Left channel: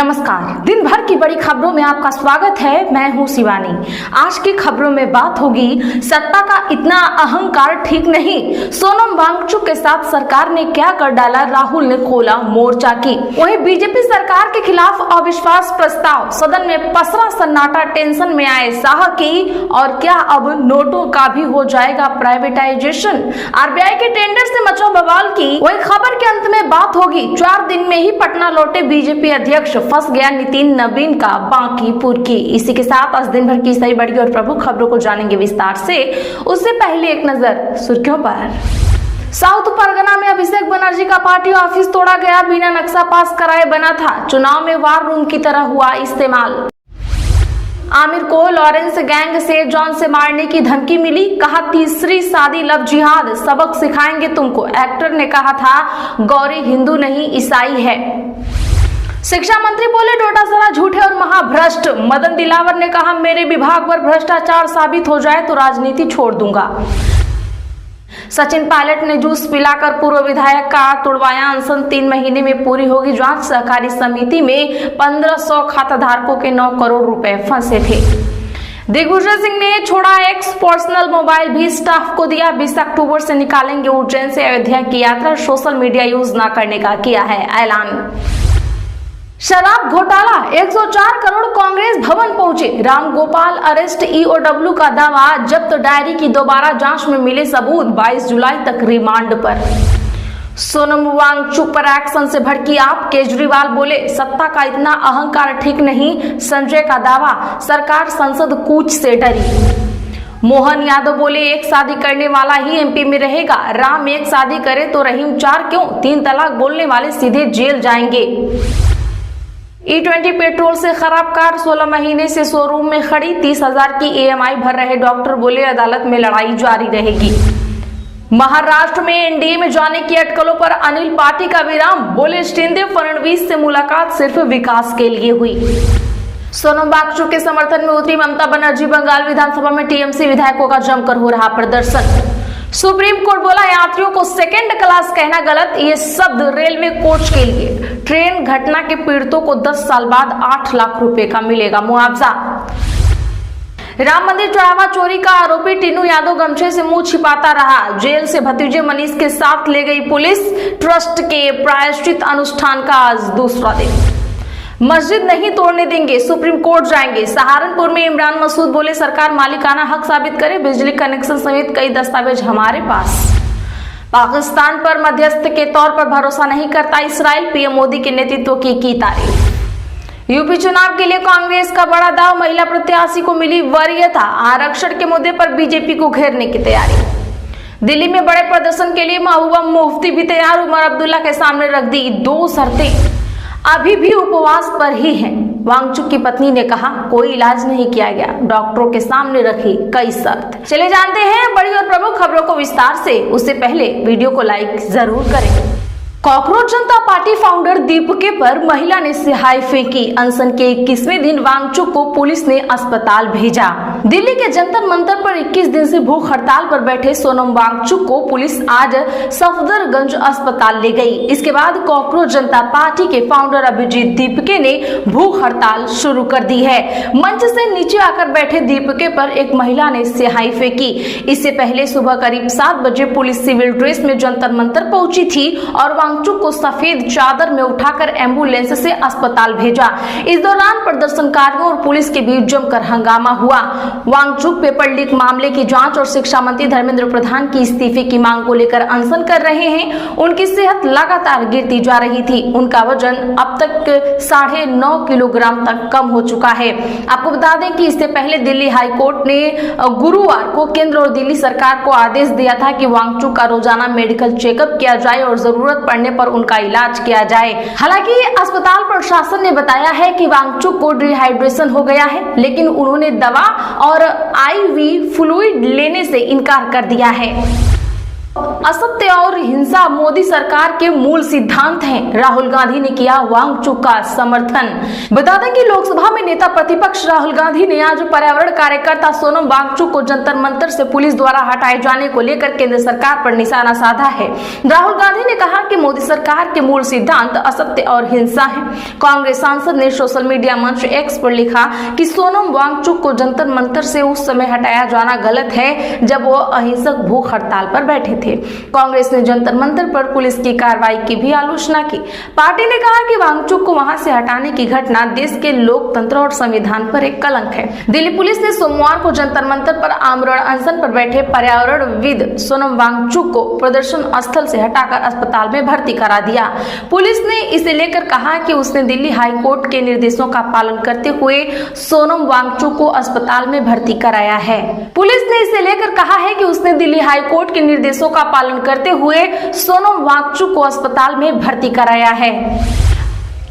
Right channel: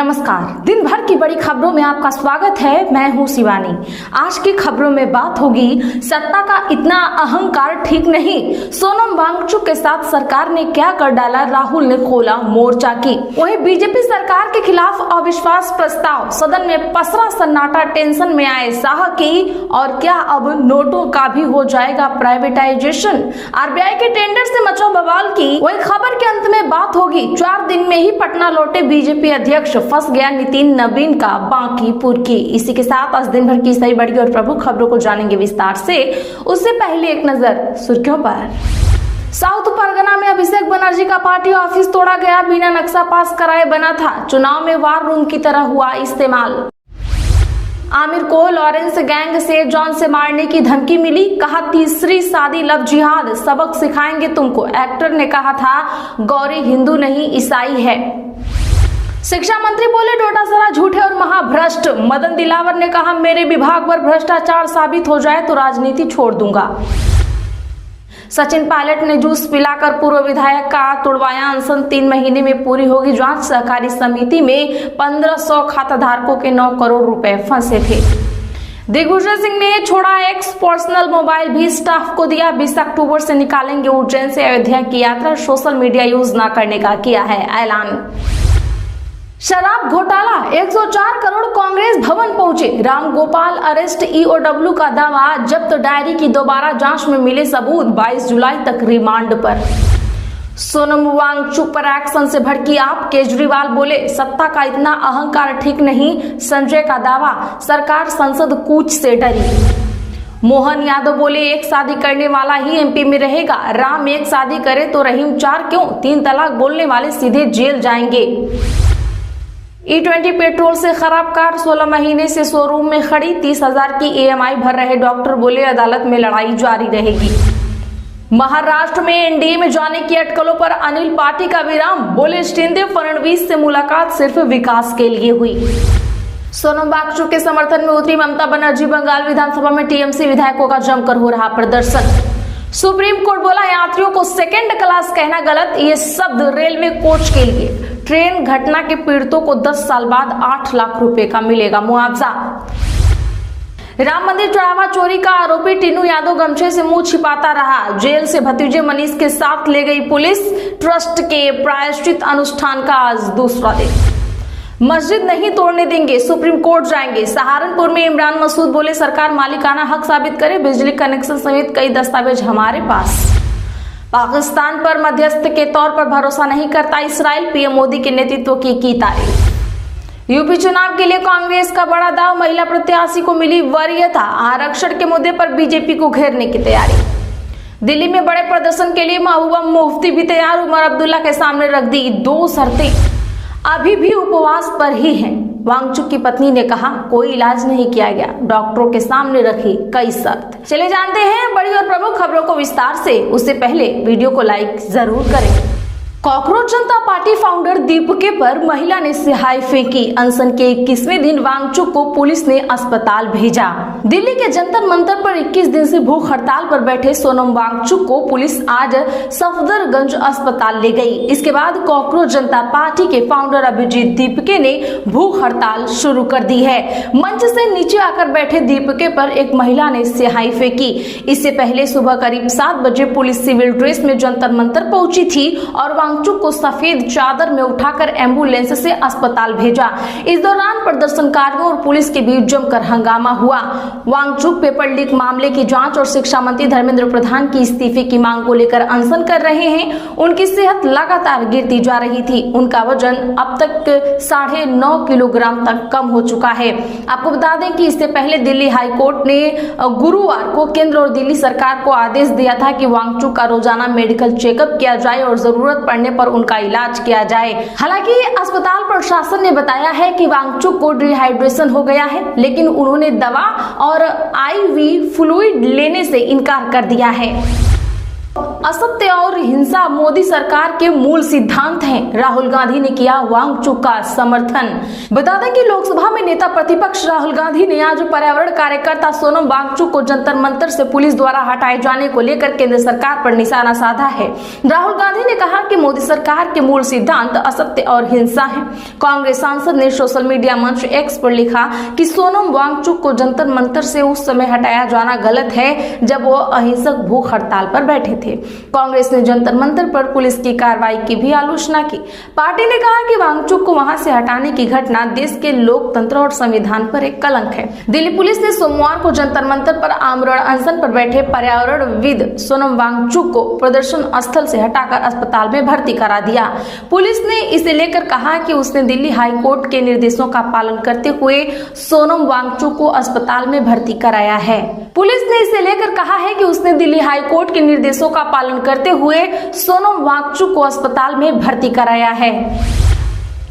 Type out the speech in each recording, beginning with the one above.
नमस्कार। दिन भर की बड़ी खबरों में आपका स्वागत है। मैं हूं शिवानी। आज की खबरों में बात होगी सत्ता का इतना अहंकार ठीक नहीं, सोनम वांगचुक के साथ सरकार ने क्या कर डाला, राहुल ने खोला मोर्चा की। वहीं बीजेपी सरकार के खिलाफ अविश्वास प्रस्ताव, सदन में पसरा सन्नाटा, टेंशन में आए शाह की, और क्या अब नोटों का भी हो जाएगा प्राइवेटाइजेशन, आरबीआई के टेंडर से मचा बवाल की। वही खबर के अंत में बात होगी 4 दिन में ही पटना लौटे बीजेपी अध्यक्ष, फंस गया नितिन नवीन का बांकीपुर की। इसी के साथ आज दिन भर की सही बड़ी और प्रमुख खबरों को जानेंगे विस्तार से। उससे पहले एक नजर सुर्खियों पर। साउथ परगना में अभिषेक बनर्जी का पार्टी ऑफिस तोड़ा गया, बिना नक्शा पास कराए बना था, चुनाव में वार रूम की तरह हुआ इस्तेमाल। आमिर को लॉरेंस गैंग से जॉन से मारने की धमकी मिली, कहा तीसरी शादी लव जिहाद, सबक सिखाएंगे तुमको। एक्टर ने कहा था गौरी हिंदू नहीं ईसाई है। शिक्षा मंत्री बोले डोटासरा झूठे और महाभ्रष्ट। मदन दिलावर ने कहा मेरे विभाग पर भ्रष्टाचार साबित हो जाए तो राजनीति छोड़ दूंगा। सचिन पायलट ने जूस पिलाकर पूर्व विधायक का तुड़वाया अनशन, 3 महीने में पूरी होगी जांच। सहकारी समिति में 1500 खाताधारकों के 9 करोड़ रुपए फंसे थे। दिग्विजय सिंह ने छोड़ा एक पर्सनल मोबाइल भी स्टाफ को दिया, 20 अक्टूबर से निकालेंगे उज्जैन से अयोध्या की यात्रा, सोशल मीडिया यूज न करने का किया है ऐलान। शराब घोटाला, 104 करोड़ कांग्रेस भवन पहुंचे, राम गोपाल अरेस्ट, ईओडब्ल्यू का दावा, जब्त डायरी की दोबारा जांच में मिले सबूत, 22 जुलाई तक रिमांड पर। सोनम वांगचुक पर एक्शन से भड़की आप, केजरीवाल बोले सत्ता का इतना अहंकार ठीक नहीं, संजय का दावा, सरकार संसद कूच से डरी। मोहन यादव बोले एक शादी करने वाला ही एमपी में रहेगा, राम एक शादी करे तो रहीम 4 क्यों, 3 तलाक बोलने वाले सीधे जेल जाएंगे। E20 पेट्रोल से खराब कार 16 महीने से शोरूम में खड़ी, 30,000 की EMI भर रहे डॉक्टर, बोले अदालत में लड़ाई जारी रहेगी। महाराष्ट्र में एनडीए में जाने की अटकलों पर अनिल पार्टी का विराम, बोले शिंदे फडणवीस से मुलाकात सिर्फ विकास के लिए हुई। सोनम वांगचुक के समर्थन में उतरी ममता बनर्जी, बंगाल विधानसभा में टीएमसी विधायकों का जमकर हो रहा प्रदर्शन। सुप्रीम कोर्ट बोला यात्रियों को सेकेंड क्लास कहना गलत, ये शब्द रेल में कोच के लिए। ट्रेन घटना के पीड़ितों को 10 साल बाद 8 लाख रुपए का मिलेगा मुआवजा। राम मंदिर चढ़ावा चोरी का आरोपी टीनू यादव गमछे से मुंह छिपाता रहा, जेल से भतीजे मनीष के साथ ले गई पुलिस। ट्रस्ट के प्रायश्चित अनुष्ठान का आज दूसरा दिन। मस्जिद नहीं तोड़ने देंगे, सुप्रीम कोर्ट जाएंगे। सहारनपुर में इमरान मसूद बोले सरकार मालिकाना हक साबित करे, बिजली कनेक्शन समेत कई दस्तावेज हमारे पास। पाकिस्तान पर मध्यस्थ के तौर पर भरोसा नहीं करता इसराइल, पीएम मोदी के नेतृत्व की तारीफ। यूपी चुनाव के लिए कांग्रेस का बड़ा दाव, महिला प्रत्याशी को मिली वरीयता, आरक्षण के मुद्दे पर बीजेपी को घेरने की तैयारी। दिल्ली में बड़े प्रदर्शन के लिए महबूबा मुफ्ती भी तैयार, उमर अब्दुल्ला के सामने रख दी 2 शर्तें, अभी भी उपवास पर ही हैं। वांगचुक की पत्नी ने कहा कोई इलाज नहीं किया गया, डॉक्टरों के सामने रखी कई शर्त। चले जानते हैं बड़ी और प्रमुख खबरों को विस्तार से। उससे पहले वीडियो को लाइक जरूर करें। कॉकरोच जनता पार्टी फाउंडर दीपके पर महिला ने सिहाई फेंकी, अनशन के 21वें दिन वांगचुक को पुलिस ने अस्पताल भेजा। दिल्ली के जंतर मंतर पर 21 दिन से भूख हड़ताल पर बैठे सोनम वांगचुक को पुलिस आज सफदरगंज अस्पताल ले गई। इसके बाद कॉकरोच जनता पार्टी के फाउंडर अभिजीत दीपके ने भूख हड़ताल शुरू कर दी है। मंच से नीचे आकर बैठे दीपके पर एक महिला ने सिहाई फेंकी। इससे पहले सुबह करीब 7 बजे पुलिस सिविल ड्रेस में जंतर मंतर पहुंची थी और वांगचुक को सफेद चादर में उठाकर एम्बुलेंस से अस्पताल भेजा। इस दौरान प्रदर्शनकारियों और पुलिस के बीच जमकर हंगामा हुआ। वांगचुक पेपर लीक मामले की जांच और शिक्षा मंत्री धर्मेंद्र प्रधान की इस्तीफे की मांग को लेकर अनशन कर रहे हैं। उनकी सेहत लगातार गिरती जा रही थी, उनका वजन अब तक 9.5 किलोग्राम तक कम हो चुका है। आपको बता दें कि इससे पहले दिल्ली हाईकोर्ट ने गुरुवार को केंद्र और दिल्ली सरकार को आदेश दिया था कि वांगचुक का रोजाना मेडिकल चेकअप किया जाए और जरूरत पड़ने पर उनका इलाज किया जाए। हालांकि अस्पताल प्रशासन ने बताया है कि वांगचुक को डिहाइड्रेशन हो गया है, लेकिन उन्होंने दवा और IV फ्लूइड लेने से इनकार कर दिया है। असत्य और हिंसा मोदी सरकार के मूल सिद्धांत हैं। राहुल गांधी ने किया वांगचुक का समर्थन। बता दें कि लोकसभा में नेता प्रतिपक्ष राहुल गांधी ने आज पर्यावरण कार्यकर्ता सोनम वांगचुक को जंतर मंतर से पुलिस द्वारा हटाए जाने को लेकर केंद्र सरकार पर निशाना साधा है। राहुल गांधी ने कहा कि मोदी सरकार के मूल सिद्धांत असत्य और हिंसा है। कांग्रेस सांसद ने सोशल मीडिया मंच एक्स पर लिखा कि सोनम वांगचुक को जंतर मंतर से उस समय हटाया जाना गलत है जब वो अहिंसक भूख हड़ताल पर बैठे थे। कांग्रेस ने जंतर मंतर पर पुलिस की कार्रवाई की भी आलोचना की। पार्टी ने कहा कि वांगचुक को वहां से हटाने की घटना देश के लोकतंत्र और संविधान पर एक कलंक है। दिल्ली पुलिस ने सोमवार को जंतर मंतर पर आमरण अनशन पर बैठे पर्यावरणविद सोनम वांगचुक को प्रदर्शन स्थल से हटाकर अस्पताल में भर्ती करा दिया। पुलिस ने इसे लेकर कहा कि उसने दिल्ली हाई कोर्ट के निर्देशों का पालन करते हुए सोनम वांगचुक को अस्पताल में भर्ती कराया है। पुलिस ने इसे लेकर कहा है कि उसने दिल्ली हाई कोर्ट के निर्देशों का पालन करते हुए सोनम वांगचुक को अस्पताल में भर्ती कराया है।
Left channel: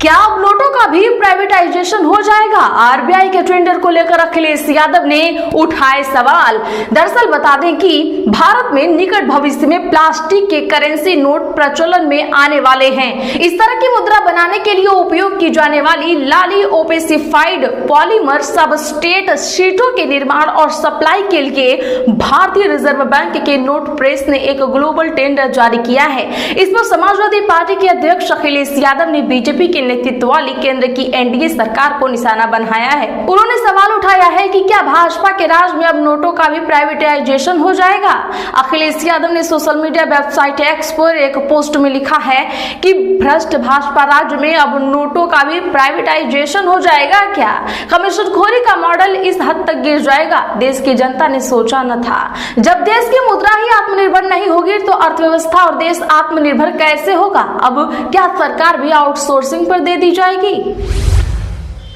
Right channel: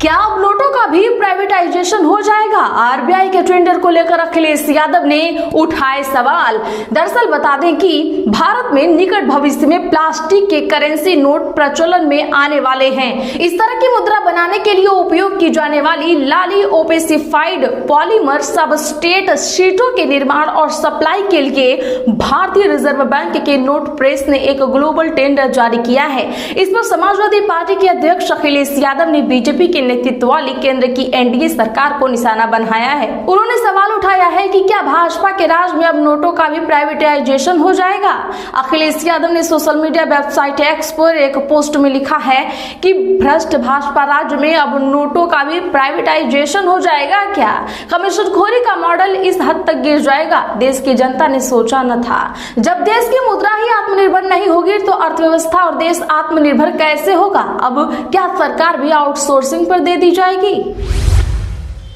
क्या अब नोटों का भी प्राइवेटाइजेशन हो जाएगा? आरबीआई के टेंडर को लेकर अखिलेश यादव ने उठाए सवाल। दरअसल बता दें कि भारत में निकट भविष्य में प्लास्टिक के करेंसी नोट प्रचलन में आने वाले हैं। इस तरह की मुद्रा बनाने के लिए उपयोग की जाने वाली लाली ओपेसिफाइड पॉलीमर सबस्ट्रेट शीटों के निर्माण और सप्लाई के लिए भारतीय रिजर्व बैंक के नोट प्रेस ने एक ग्लोबल टेंडर जारी किया है। इसमें समाजवादी पार्टी के अध्यक्ष अखिलेश यादव ने बीजेपी के नेतृत्व वाली केंद्र की एनडीए सरकार को निशाना बनाया है। उन्होंने सवाल उठाया है कि क्या भाजपा के राज में अब नोटों का भी प्राइवेटाइजेशन हो जाएगा? अखिलेश यादव ने सोशल मीडिया वेबसाइट एक्स पर एक पोस्ट में लिखा है कि भ्रष्ट भाजपा राज्य में अब नोटों का भी प्राइवेटाइजेशन हो जाएगा क्या? कमीशनखोरी का मॉडल इस हद तक गिर जाएगा, देश की जनता ने सोचा न था। जब देश की मुद्रा ही आत्मनिर्भर नहीं होगी तो अर्थव्यवस्था और देश आत्मनिर्भर कैसे होगा? अब क्या सरकार भी आउटसोर्सिंग पर दे दी जाएगी?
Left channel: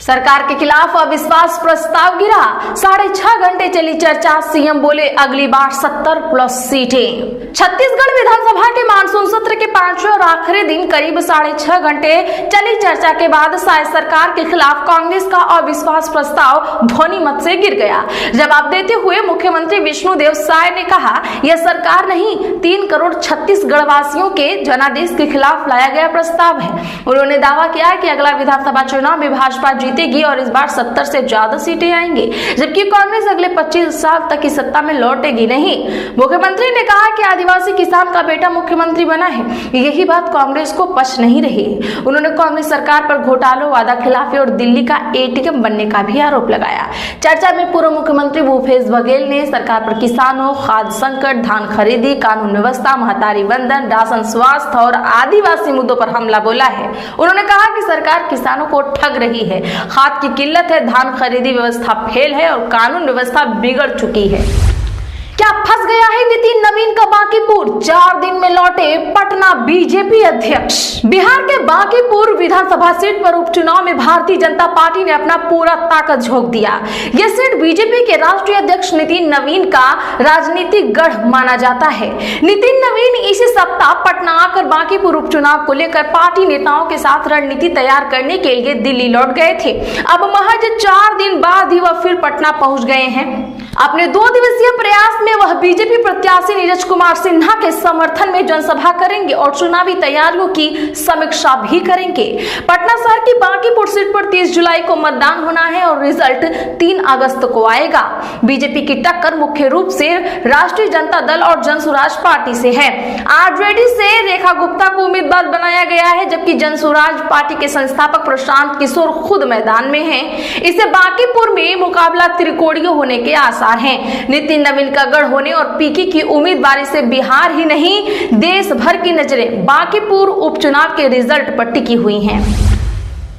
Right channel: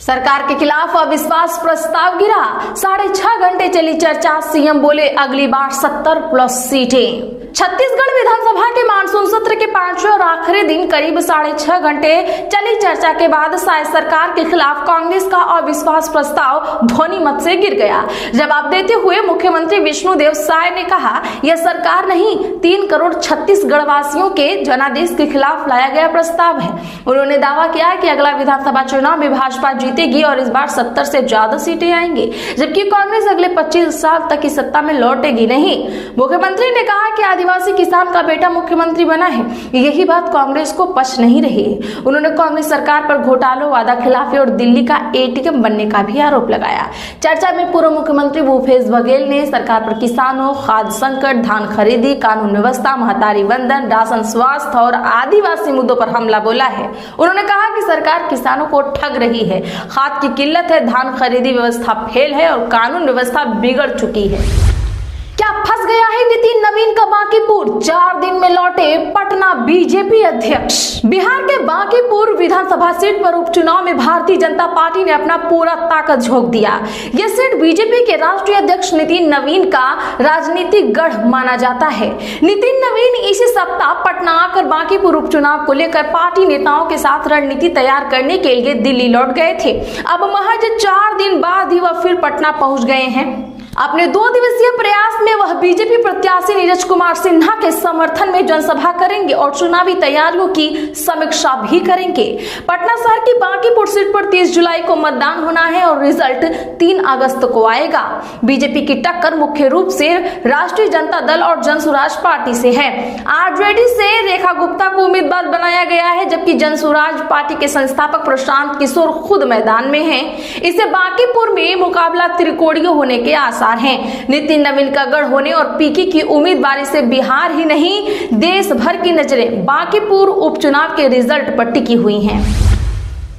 सरकार के खिलाफ अविश्वास प्रस्ताव गिरा। 6.5 घंटे चली चर्चा। सीएम बोले अगली बार 70+ सीटें। छत्तीसगढ़ विधानसभा के मानसून सत्र के 5वें और आखिरी दिन करीब 6.5 घंटे चली चर्चा के बाद शायद सरकार के खिलाफ कांग्रेस का अविश्वास प्रस्ताव ध्वनि मत से गिर गया। जवाब देते हुए मुख्यमंत्री विष्णुदेव साय ने कहा, यह सरकार नहीं 3 करोड़ छत्तीसगढ़ वासियों के जनादेश के खिलाफ लाया गया प्रस्ताव है। उन्होंने दावा किया कि अगला विधानसभा चुनाव में भाजपा जीतेगी और इस बार 70 से ज्यादा सीटें आएंगी, जबकि कांग्रेस अगले 25 साल तक की सत्ता में लौटेगी नहीं। मुख्यमंत्री ने कहा कि आदिवासी किसान का बेटा मुख्यमंत्री बना है, यही बात कांग्रेस को पच नहीं रही। उन्होंने कांग्रेस सरकार पर घोटालों, वादा खिलाफी और दिल्ली का एटीएम बनने का भी आरोप लगाया। चर्चा में पूर्व मुख्यमंत्री भूपेश बघेल ने सरकार पर किसानों, खाद्य संकट, धान खरीदी, कानून व्यवस्था, महतारी वंदन, राशन, स्वास्थ्य और आदिवासी मुद्दों पर हमला बोला है। उन्होंने कहा कि सरकार किसानों को ठग रही है, खाद की किल्लत है, धान खरीदी व्यवस्था फेल है और कानून व्यवस्था बिगड़ चुकी है। क्या फंस गया है नितिन नवीन का बांकीपुर? 4 दिन में लौटे पटना बीजेपी अध्यक्ष। बिहार के बांकीपुर विधानसभा सीट पर उपचुनाव में भारतीय जनता पार्टी ने अपना पूरा ताकत झोंक दिया। यह सीट बीजेपी के राष्ट्रीय अध्यक्ष नितिन नवीन का राजनीतिक गढ़ माना जाता है। नितिन नवीन इसी सप्ताह पटना आकर बांकीपुर उपचुनाव को लेकर पार्टी नेताओं के साथ रणनीति तैयार करने के लिए दिल्ली लौट गए थे। अब महज 4 दिन बाद ही वह फिर पटना पहुंच गए हैं। अपने 2 दिवसीय प्रयास में वह बीजेपी प्रत्याशी नीरज कुमार सिन्हा के समर्थन में जनसभा करेंगे और चुनावी तैयारियों की समीक्षा भी करेंगे। पटना शहर की बांकीपुर सीट पर 30 जुलाई को मतदान होना है और रिजल्ट 3 अगस्त को आएगा। बीजेपी की टक्कर मुख्य रूप से राष्ट्रीय जनता दल और जनसुराज पार्टी से है। आरजेडी से रेखा गुप्ता को उम्मीदवार बनाया गया है, जबकि जनसुराज पार्टी के संस्थापक प्रशांत किशोर खुद मैदान में हैं। इसे बांकीपुर में मुकाबला त्रिकोणीय होने के आसार हैं। नितिन नवीन का गढ़ होने और पीके की उम्मीदवारी से बिहार ही नहीं देश भर की नजरें बांकीपुर उपचुनाव के रिजल्ट पर टिकी हुई हैं।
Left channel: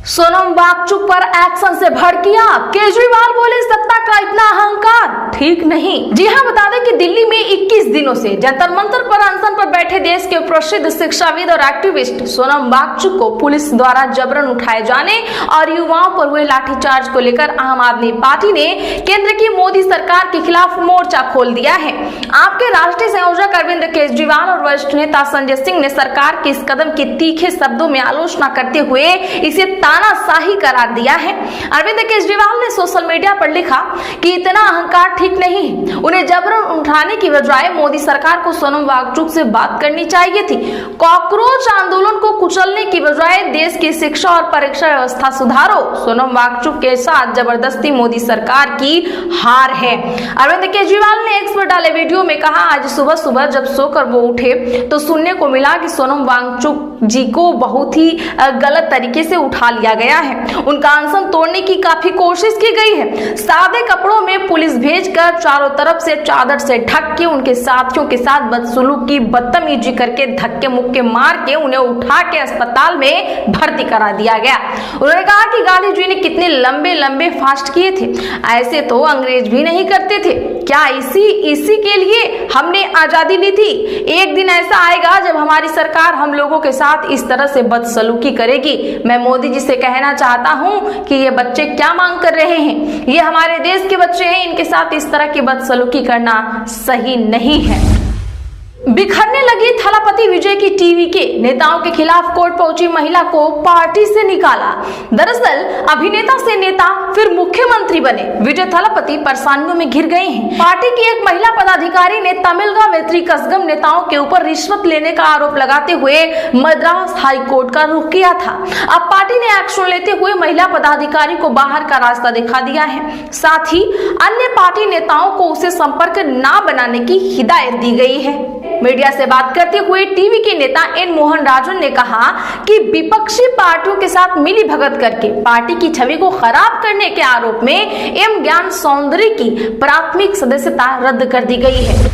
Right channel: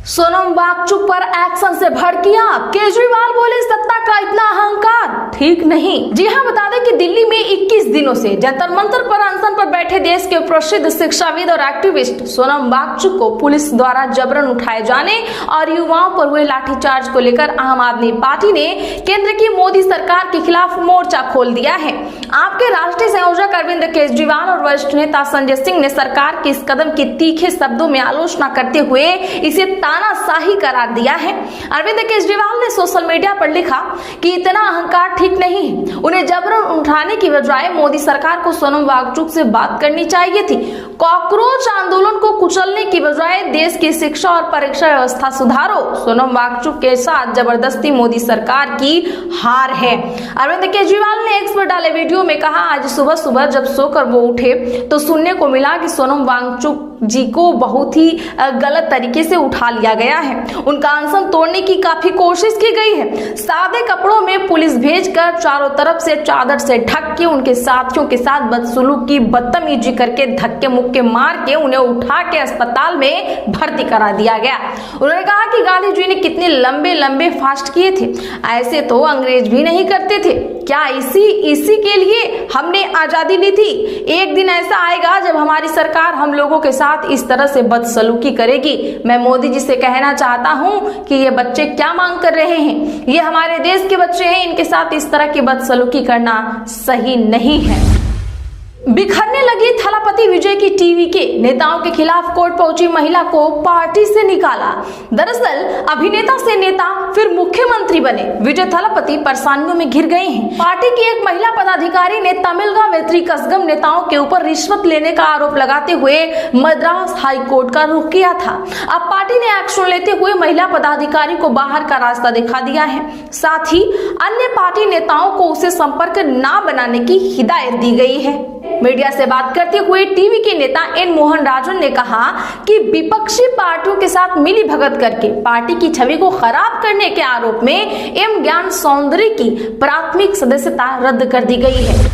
सोनम वांगचुक पर एक्शन से भड़किया। केजरीवाल बोले सत्ता का इतना अहंकार ठीक नहीं। जी हां, बता दें कि दिल्ली में 21 दिनों से जंतर मंतर पर अनशन पर बैठे देश के प्रसिद्ध शिक्षाविद और एक्टिविस्ट सोनम वांगचुक को पुलिस द्वारा जबरन उठाए जाने और युवाओं पर हुए लाठीचार्ज को लेकर आम आदमी पार्टी ने केंद्र की मोदी सरकार के खिलाफ मोर्चा खोल दिया है। आपके राष्ट्रीय संयोजक अरविंद केजरीवाल और वरिष्ठ नेता संजय सिंह ने सरकार के इस कदम की तीखे शब्दों में आलोचना करते हुए इसे तानाशाही करार दिया है। अरविंद केजरीवाल ने सोशल मीडिया पर लिखा कि इतना अहंकार ठीक नहीं है। उन्हें जबरन उठाने की बजाय मोदी सरकार को सोनम वांगचुक से बात करनी चाहिए थी। कॉकरोच आंदोलन को कुचलने की बजाय देश की शिक्षा और परीक्षा व्यवस्था सुधारो। सोनम वांगचुक के साथ जबरदस्ती मोदी सरकार की हार है। अरविंद केजरीवाल ने एक्स पर डाले वीडियो में कहा, आज सुबह सुबह जब सोकर वो उठे तो सुनने को मिला कि सोनम वांगचुक जी को बहुत ही गलत तरीके से उठा लिया गया है। उनका अनशन तोड़ने की काफी कोशिश की गई है। सादे कपड़ों में पुलिस भेजकर चारों तरफ से चादर से ढक के उनके साथियों के साथ बदसलूकी बदतमीजी करके धक्के मुक्के मार के उन्हें उठा के अस्पताल में भर्ती करा दिया गया। उन्होंने कहा कि गांधी जी ने कितने लंबे लंबे फास्ट किए थे, ऐसे तो अंग्रेज भी नहीं करते थे। क्या इसी के लिए हमने आजादी ली थी? एक दिन ऐसा आएगा जब हमारी सरकार हम लोगों के साथ इस तरह से बदसलूकी करेगी। मैं मोदी जी से कहना चाहता हूं कि ये बच्चे क्या मांग कर रहे हैं? ये हमारे देश के बच्चे हैं, इनके साथ इस तरह की बदसलूकी करना सही नहीं है। बिखरने लगी थलापति विजय की टीवी के नेताओं के खिलाफ कोर्ट पहुंची महिला को पार्टी से निकाला। दरअसल अभिनेता से नेता फिर मुख्यमंत्री बने विजय थलापति परेशानियों में घिर गए हैं। पार्टी की एक महिला पदाधिकारी ने तमिलगा वेत्री कसगम नेताओं के ऊपर रिश्वत लेने का आरोप लगाते हुए मद्रास हाई कोर्ट का रुख किया था। अब पार्टी ने एक्शन लेते हुए महिला पदाधिकारी को बाहर का रास्ता दिखा दिया है। साथ ही अन्य पार्टी नेताओं को उसे संपर्क न बनाने की हिदायत दी गई है। मीडिया से बात करते हुए टीवी के नेता एन मोहन राजन ने कहा कि विपक्षी पार्टियों के साथ मिली भगत करके पार्टी की छवि को खराब करने के आरोप में एम ज्ञान सौंदर्य की प्राथमिक सदस्यता रद्द कर दी गई है।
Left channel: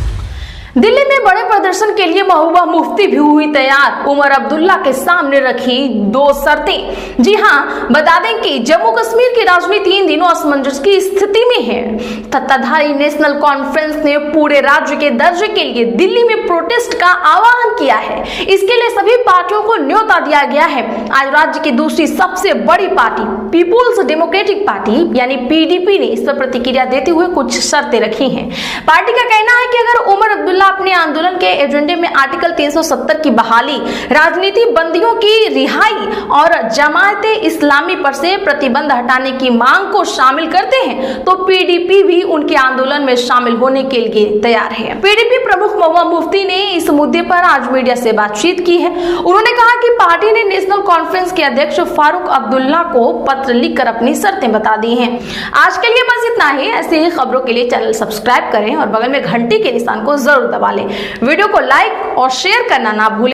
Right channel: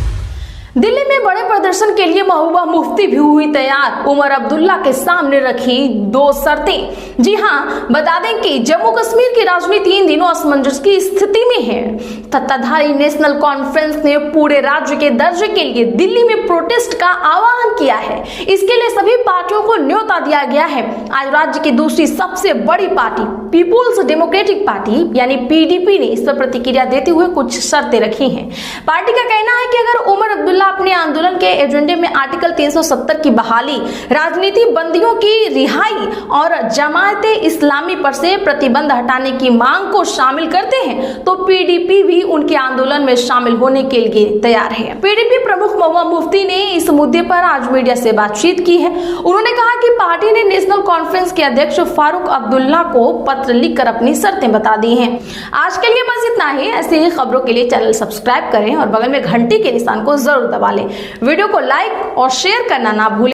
दिल्ली में बड़े प्रदर्शन के लिए महबूबा मुफ्ती भी हुई तैयार। उमर अब्दुल्ला के सामने रखी 2 शर्तें। जी हाँ, बता दें कि जम्मू कश्मीर की राजनीति इन दिनों असमंजस की स्थिति में है। सत्ताधारी नेशनल कॉन्फ्रेंस ने पूरे राज्य के दर्जे के लिए दिल्ली में प्रोटेस्ट का आह्वान किया है। इसके लिए सभी पार्टियों को न्योता दिया गया है। आज राज्य की दूसरी सबसे बड़ी पार्टी पीपुल्स डेमोक्रेटिक पार्टी यानी पीडीपी ने इस पर प्रतिक्रिया देते हुए कुछ शर्तें रखी हैं। पार्टी का कहना है कि अगर उमर अब्दुल्ला अपने आंदोलन के एजेंडे में आर्टिकल 370 की बहाली, राजनीति बंदियों की रिहाई और जमायते इस्लामी पर से प्रतिबंध हटाने की मांग को शामिल करते हैं तो पीडीपी भी उनके आंदोलन में शामिल होने के लिए तैयार है। पीडीपी प्रमुख महबूबा मुफ्ती ने इस मुद्दे पर आज मीडिया से बातचीत की है। उन्होंने कहा कि पार्टी ने नेशनल कॉन्फ्रेंस के अध्यक्ष फारूक अब्दुल्ला को पत्र लिखकर अपनी शर्तें बता दी हैं। आज के लिए बस इतना ही। ऐसे ही खबरों के लिए चैनल सब्सक्राइब करें और बगल में घंटी के निशान को जरूर दबा लें। वीडियो को लाइक और शेयर करना ना भूलें।